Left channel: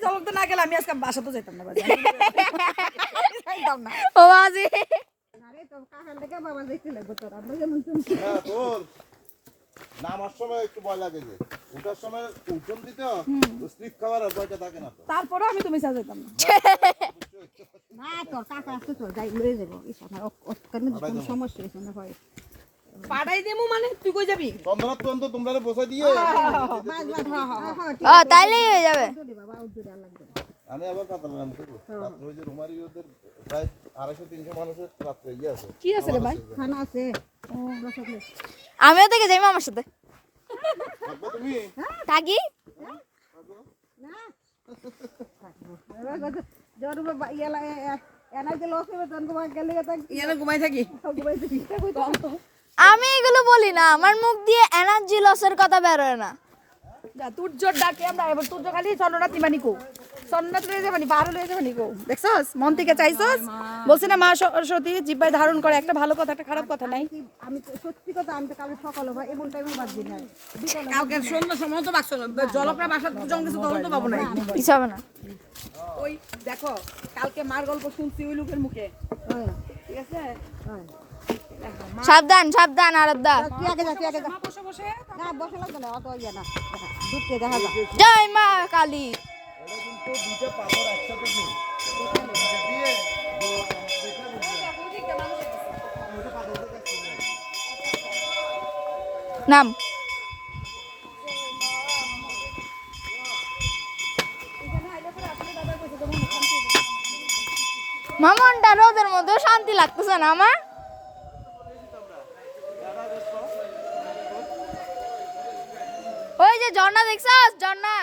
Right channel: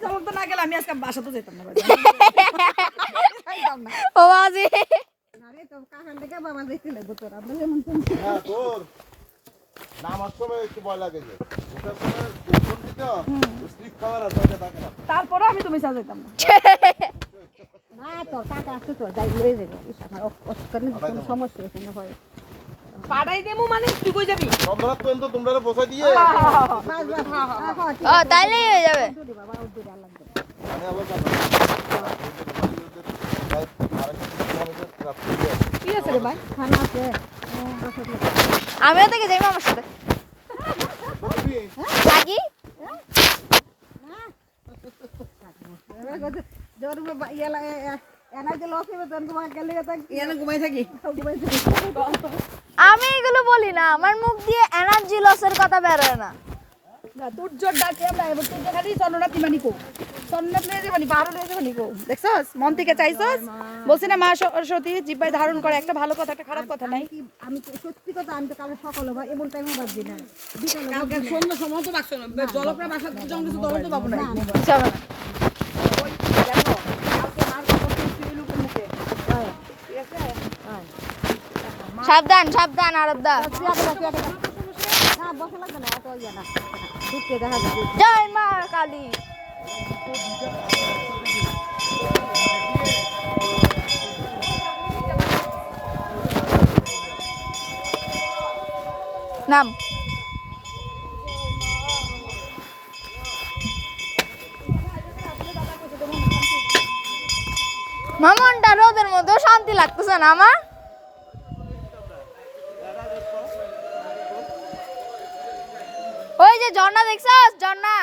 চমক তো না গেলে আমি আজকে বাসা তো যেতাম না। ও আজি আরে তো কাকার লেগে বাবা যাইতে লাগবে তোর আমরা যেমন তুমি হ্যাঁ নামার সময় একটু ভয় লাগে যে ওটার সময় ফোন দিতে স্লিপ খাওয়ার আর ভয়টা থাকে না তারপরেও আমি তুমি চা যেতাম না না তোর কাকা আছে তো যাই লয়ে যাবে ওখানে সমস্যা হয় পাড়াই দেবো মানে তুই কই যাবি? চন্দ্রাত পর্যন্ত তোমরা বসাই দিয়ে হয়ে যাবে বাবা ওর দূরে আর লাগবে না। আমি আবার কি আছে রে ভাই? খানা আছে। আমিও থেকে যাই আমার সাথে থাকি তোমার এখানে ঘুমাই থাকি? আমি এগুলো বলি না আমার মুখ দিয়ে এনার্জি লসের কথা বেরোয় না। না তোর ডাকে এবার তোর খালি চন্দ্রনাথ ইমানি কো। চন্দ্রনাথ লয়ে যাবানি পাহাড় লয়ে যাবানি কো। দেখছস? মন থেকে চাইছস? বলছি না মা সরস্বতী জিব্বাই ধারণ করে একটা ভালো কথা একটা খারাপ কথা নাই। আমি সত্যি কথা আমি তো কাল সকাল হবে এমন টাইমে বাজছি না। বিকালে সন্ধ্যা সময় তো বাকছ জলপ্রা বাসার যখন কিছু তখন তো পাবো না কিছু হবে না। ওই দেখো কালকে মার গল্প শুনছি ওই লোকের মুখে ঠিক আছে সাবধান সাবধান আরবদা চেয়ারে বসে চেয়ারে বসে না বসে লাগবে না অত ইয়ে না ঢুকতে সাবধান যাবে জয় মা কালী। নাম। মামনটা রোদের মধ্যে শান্তি লাগতেছে না আমার। ঝর্ণা দেখছস ঝর্ণা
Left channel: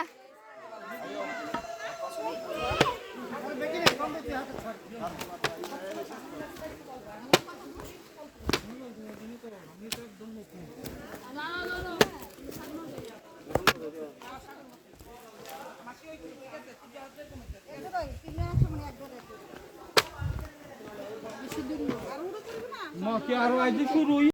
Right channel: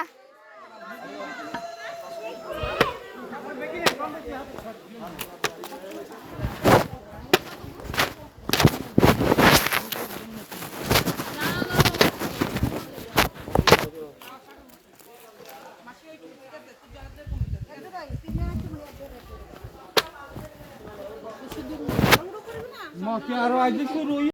মা কি আরও আজ শুরু